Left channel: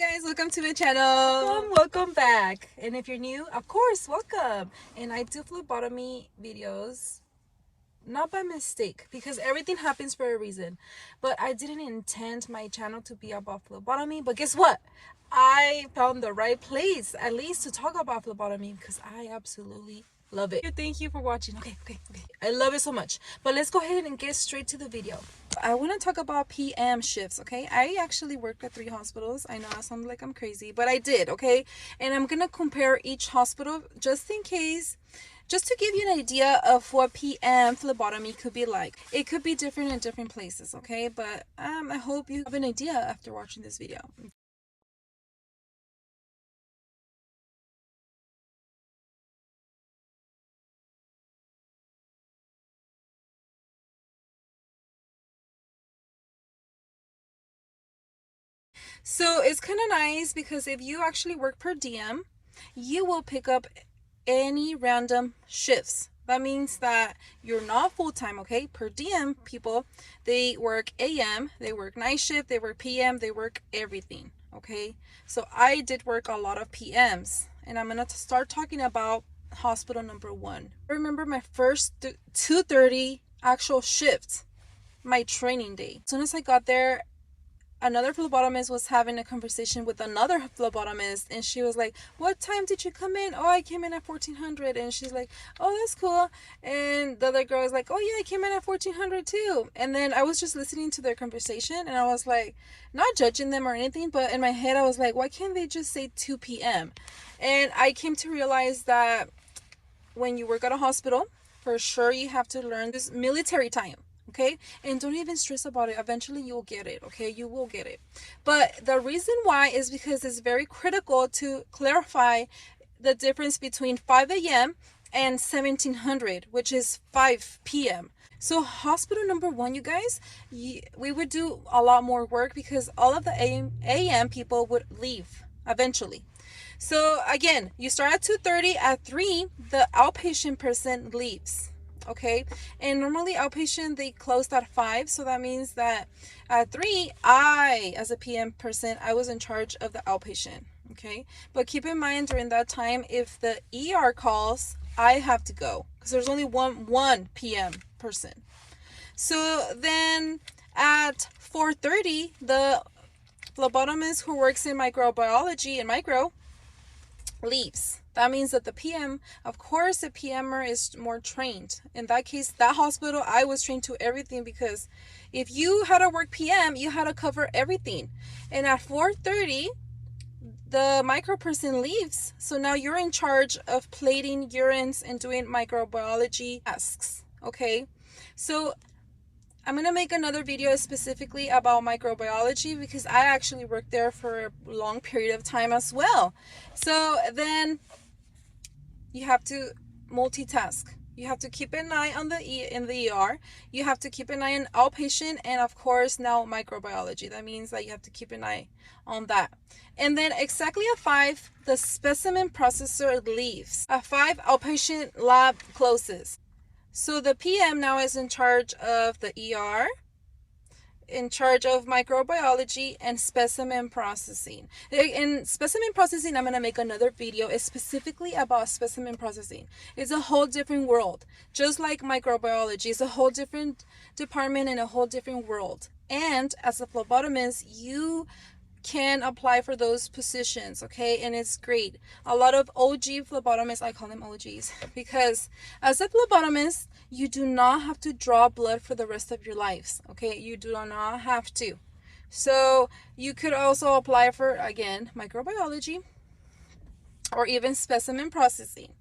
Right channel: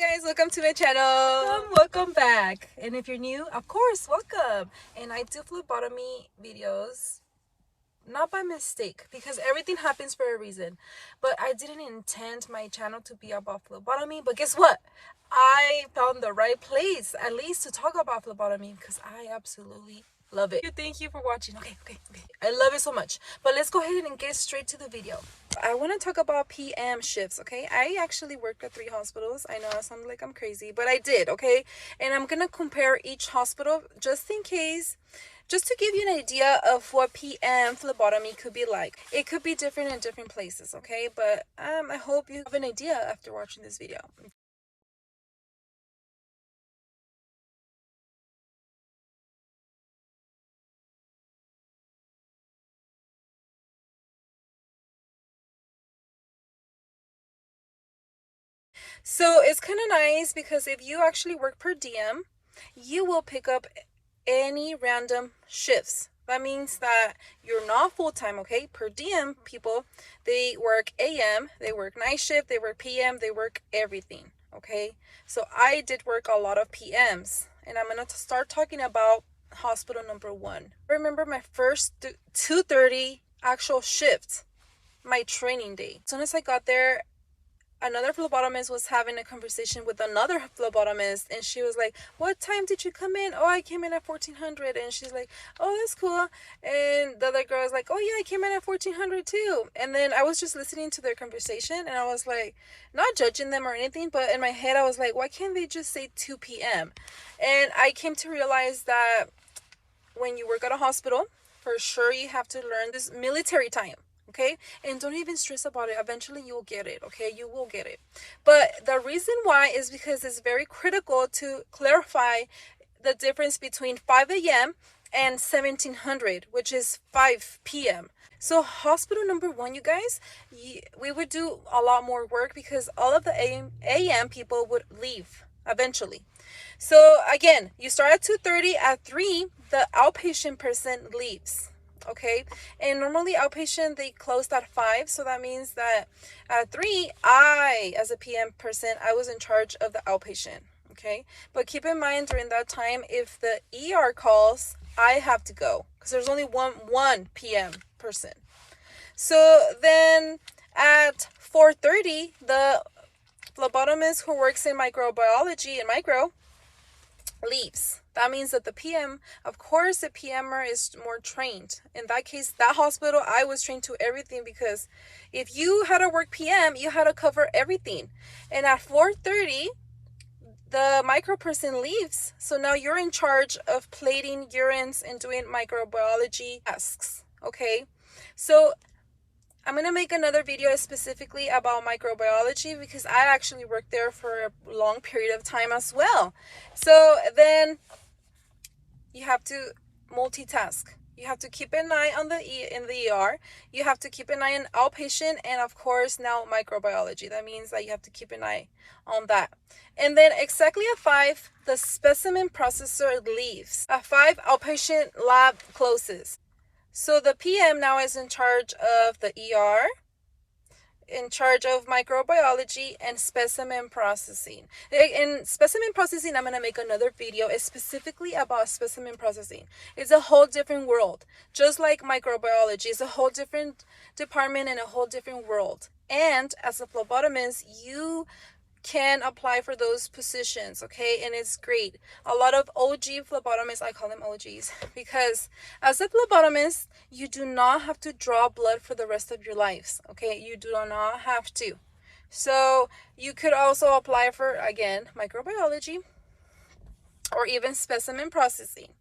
Guys, welcome to my channel. Welcome back. And if you're new, of course, welcome. And I do phlebotomy videos not by mistake, because everything happens for a reason. But I didn't intend my channel to be about phlebotomy. But guess what? I found the right place, at least to talk about phlebotomy, because I absolutely love it. Thank you for watching. Okay. I love it so much. But let's go ahead and get straight to the video. I want to talk about PM shifts, okay? I actually worked at 3 hospitals. I know I sound like I'm crazy, but I did, okay? And I'm going to compare each hospital just in case, just to give you an idea of what PM phlebotomy could be like. It could be different in different places, okay? But I hope you have an idea after watching this video. So it's kind of nice because if you actually work per diem, you will pick up any random shifts. That means that you're not full-time, okay? Per diem people, they work AM, they work night shift, they work PM, they work everything, okay? So I did work a lot of PMs, and I'm gonna start talking about hospital number 1. I remember my first 2:30 actual shift, my training day. As soon as I got there, another phlebotomist was having a conversation with another phlebotomist, and she was like, what time did you come in? Oh, I came in at 1400. And she's like, oh, that's cool. And the other girl was like, oh yeah, I came in at 1400 too. And then I was just listening to their conversation, and I was like, not judging them or anything, but in my head I was like, why can't they just say 2 p.m.? And I came to realize that when you work at a hospital, for sure you have to learn this military time. Okay, and don't even stress about it. Eventually you will get it. Okay, you will get it. But the reason why is because it's very critical to clarify the difference between 5 a.m. and 1700, which is 5 p.m. So hospital number 1, you guys, we would do a lot more work because all of the AM people would leave eventually. So again, you start at 2:30. At 3, the outpatient person leaves. Okay, and normally outpatient, they closed at 5, so that means that at 3, I, as a PM person, I was in charge of the outpatient. Okay, but keep in mind during that time, if the ER calls, I have to go because there's only one PM person. So then at 4:30, the phlebotomist who works in microbiology and micro leaves. That means that the PM, of course, the PMer is more trained. In that case, that hospital, I was trained to everything, because if you had to work PM, you had to cover everything. And at 4:30, the micro person leaves. So now you're in charge of plating urines and doing microbiology tasks. Okay, so I'm going to make another video specifically about microbiology because I actually worked there for a long period of time as well. So then you have to multitask. You have to keep an eye on in the ER. You have to keep an eye on outpatient, and of course now microbiology. That means that you have to keep an eye on that. And then exactly at 5, the specimen processor leaves. At 5, outpatient lab closes. So the PM now is in charge of the ER, in charge of microbiology and specimen processing. In specimen processing, I'm going to make another video specifically about specimen processing. It's a whole different world. Just like microbiology, it's a whole different department and a whole different world. And as a phlebotomist, you can apply for those positions, okay? And it's great. A lot of OG phlebotomists, I call them OGs, because as a phlebotomist, you do not have to draw blood for the rest of your lives, okay? You do not have to. So you could also apply for, again, microbiology or even specimen processing.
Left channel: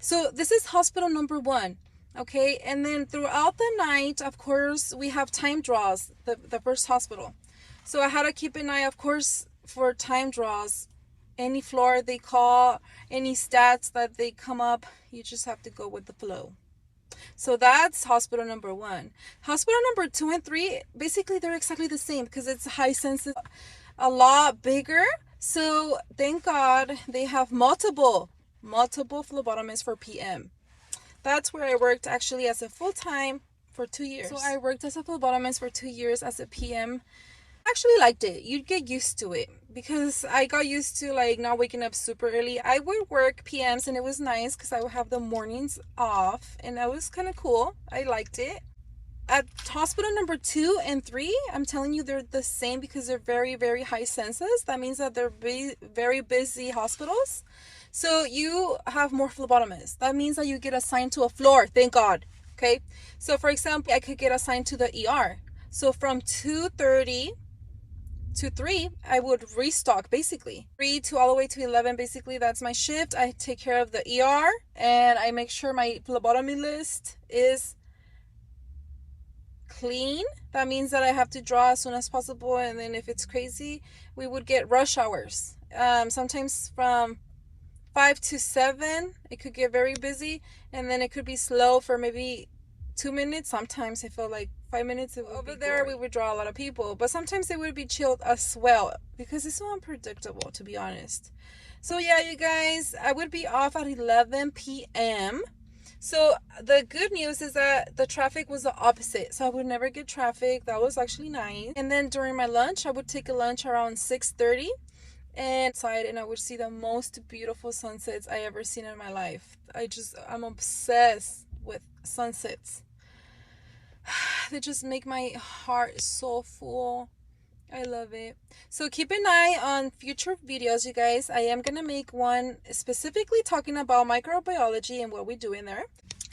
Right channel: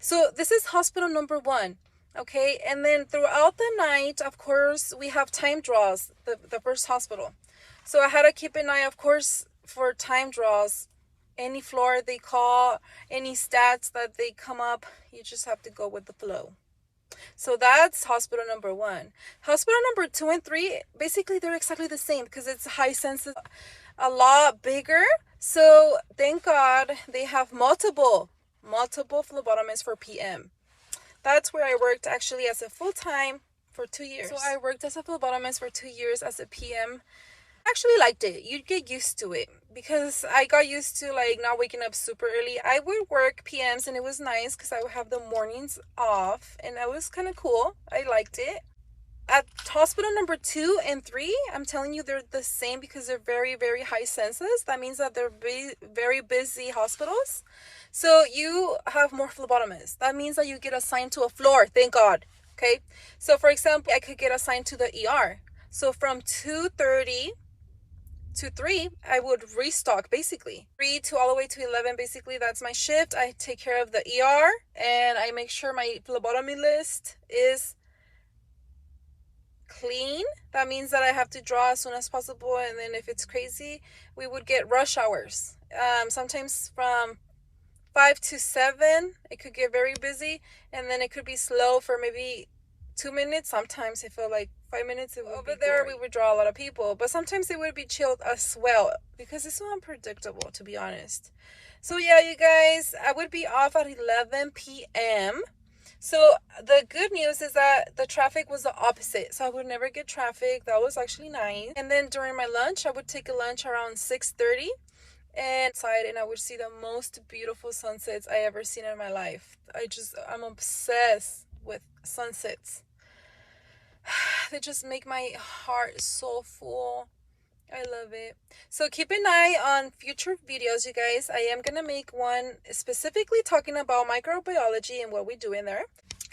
So this is hospital number 1. Okay, and then throughout the night, of course, we have time draws, the first hospital. So I had to keep an eye, of course, for time draws. Any floor they call, any stats that they come up, you just have to go with the flow. So that's hospital number 1. Hospital number 2 and 3, basically they're exactly the same because it's high census, a lot bigger. So thank God they have multiple phlebotomists for PM. That's where I worked actually as a full-time for 2 years. So I worked as a phlebotomist for 2 years as a PM Actually liked it. You'd get used to it because I got used to like not waking up super early. I would work PMs and it was nice because I would have the mornings off and that was kind of cool. I liked it. At hospital number 2 and 3, I'm telling you, they're the same because they're very, very high census. That means that they're very busy hospitals. So you have more phlebotomists. That means that you get assigned to a floor. Thank God. Okay. So for example, I could get assigned to the ER. So from 2:30 to 3, I would restock basically 3 to all the way to 11. Basically, that's my shift. I take care of the ER and I make sure my phlebotomy list is clean. That means that I have to draw as soon as possible, and then if it's crazy, we would get rush hours. Sometimes from 5 to 7 it could get very busy, and then it could be slow for maybe 2 minutes. Sometimes I feel like 5 minutes. It would over there we would draw a lot of people, but sometimes it would be chilled as well because it's so unpredictable, to be honest. So yeah, you guys, I would be off at 11 p.m. So the good news is that the traffic was the opposite. So I would never get traffic. That was actually nice. And then during my lunch, I would take a lunch around 6:30 and outside, and I would see the most beautiful sunsets I ever seen in my life. I'm obsessed with sunsets. They just make my heart so full. I love it. So keep an eye on future videos, you guys. I am going to make one specifically talking about microbiology and what we do in there.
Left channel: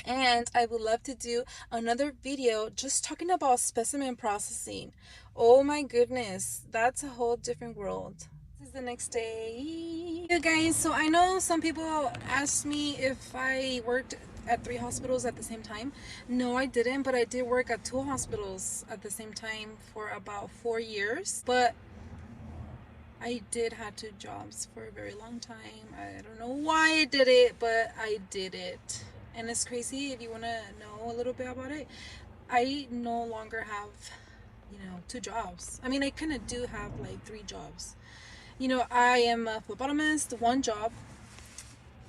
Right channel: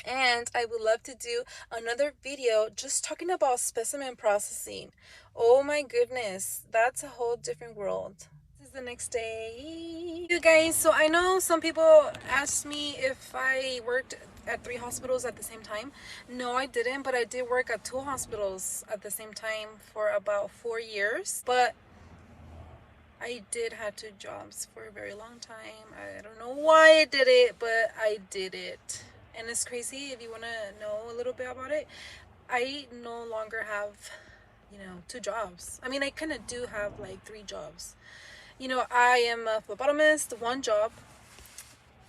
And I would love to do another video just talking about specimen processing. Oh my goodness, that's a whole different world. This is the next day. You guys, so I know some people asked me if I worked at 3 hospitals at the same time. No, I didn't, but I did work at 2 hospitals at the same time for about 4 years. But I did have 2 jobs for a very long time. I don't know why I did it, but I did it. And it's crazy. If you want to know a little bit about it, I no longer have, 2 jobs. I mean, I kind of do have like 3 jobs. I am a phlebotomist, 1 job.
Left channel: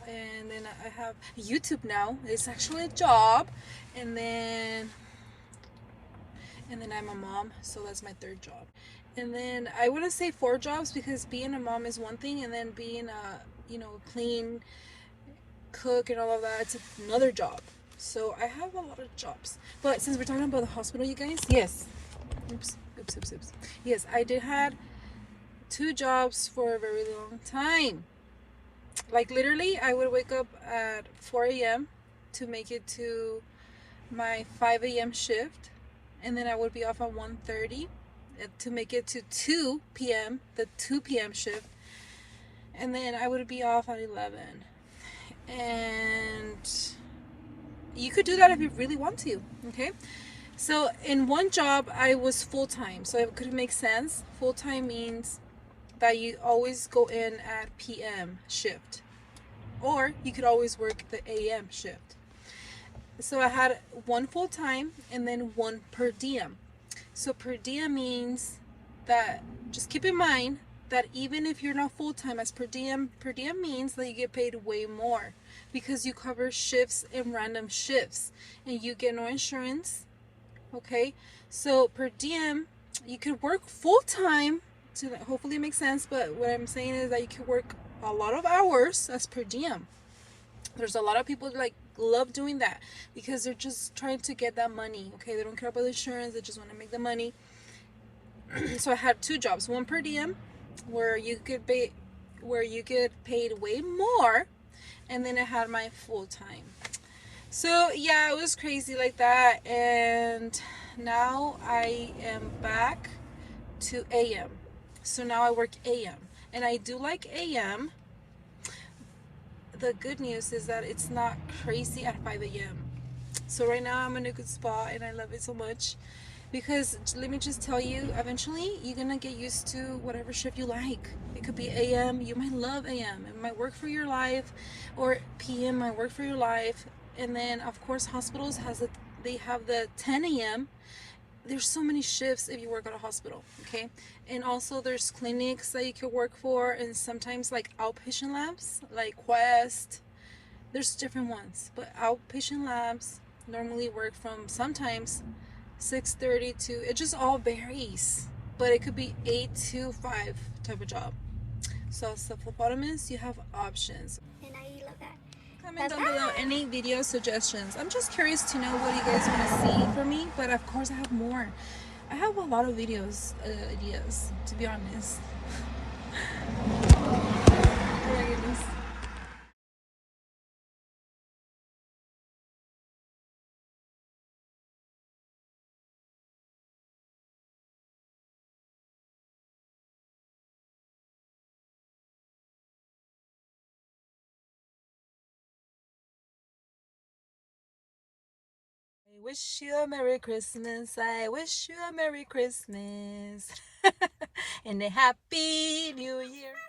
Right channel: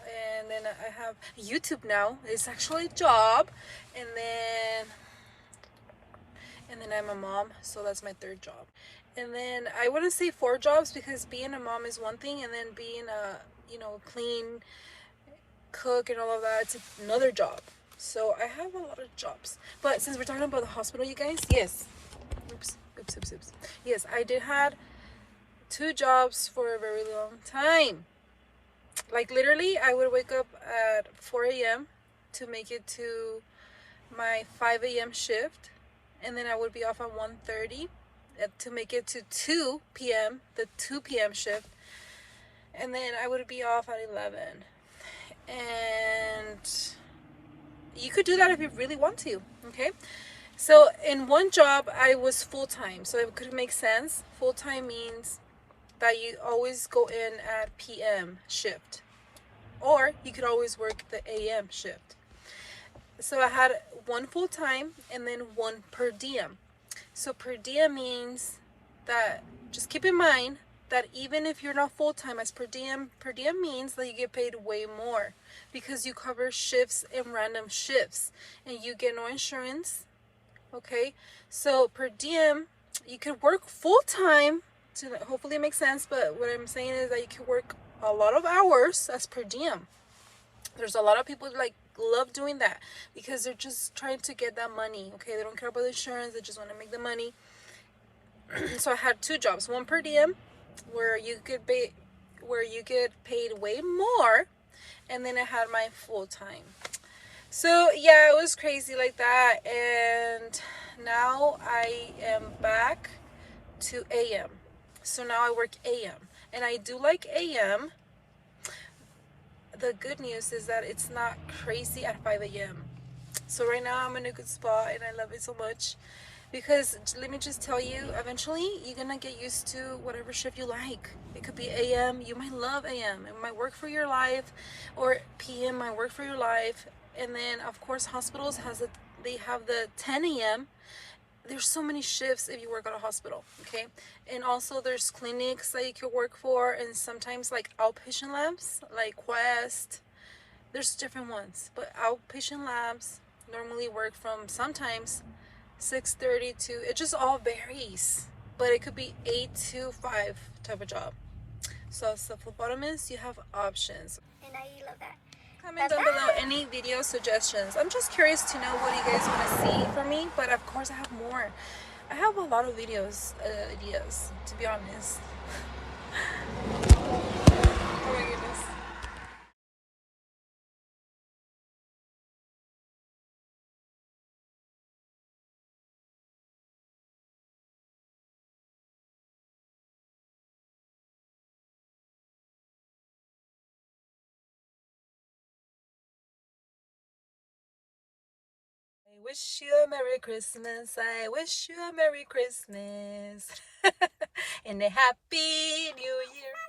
And then I have YouTube now. It's actually a job. And then I'm a mom, so that's my 3rd job. And then I wouldn't say 4 jobs because being a mom is one thing, and then being a clean cook and all of that, it's another job. So I have a lot of jobs. But since we're talking about the hospital, you guys, yes. Oops. Yes, I did had 2 jobs for a very long time. Like literally, I would wake up at 4 a.m. to make it to my 5 a.m. shift, and then I would be off at 1:30 to make it to 2 p.m. the 2 p.m. shift, and then I would be off at 11. And you could do that if you really want to. Okay, so in 1 job I was full-time, so it could make sense. Full-time means that you always go in at p.m. shift, or you could always work the a.m. shift. So I had 1 full-time and then 1 per diem. So per diem means that, just keep in mind that even if you're not full-time as per diem means that you get paid way more because you cover shifts and random shifts and you get no insurance. Okay, so per diem, you could work full-time to hopefully it makes sense, but what I'm saying is that you can work a lot of hours as per diem. There's a lot of people like love doing that because they're just trying to get that money. Okay, they don't care about the insurance, they just want to make the money. So I had 2 jobs, 1 per diem where you get paid way more, and then I had my full-time. So yeah, it was crazy like that, and now I am back to AM. So now I work AM, and I do like AM. The good news is that it's not crazy at 5 a.m. So right now I'm in a good spot, and I love it so much because let me just tell you, eventually you're gonna get used to whatever shift you like. It could be AM, you might love AM, it might work for your life, or PM might work for your life. And then of course hospitals they have the 10 a.m. There's so many shifts if you work at a hospital, okay? And also there's clinics that you can work for, and sometimes like outpatient labs like Quest. There's different ones, but outpatient labs normally work from sometimes 6:30 to, it just all varies. but it could be 8 to 5 type of job. So as a phlebotomist, you have options. And I love that. Comment down below any video suggestions. I'm just curious to know what you guys want to see from me, but of course I have more. I have a lot of videos ideas, to be honest. Oh my goodness. I wish you a Merry Christmas. I wish you a Merry Christmas. And a Happy New Year.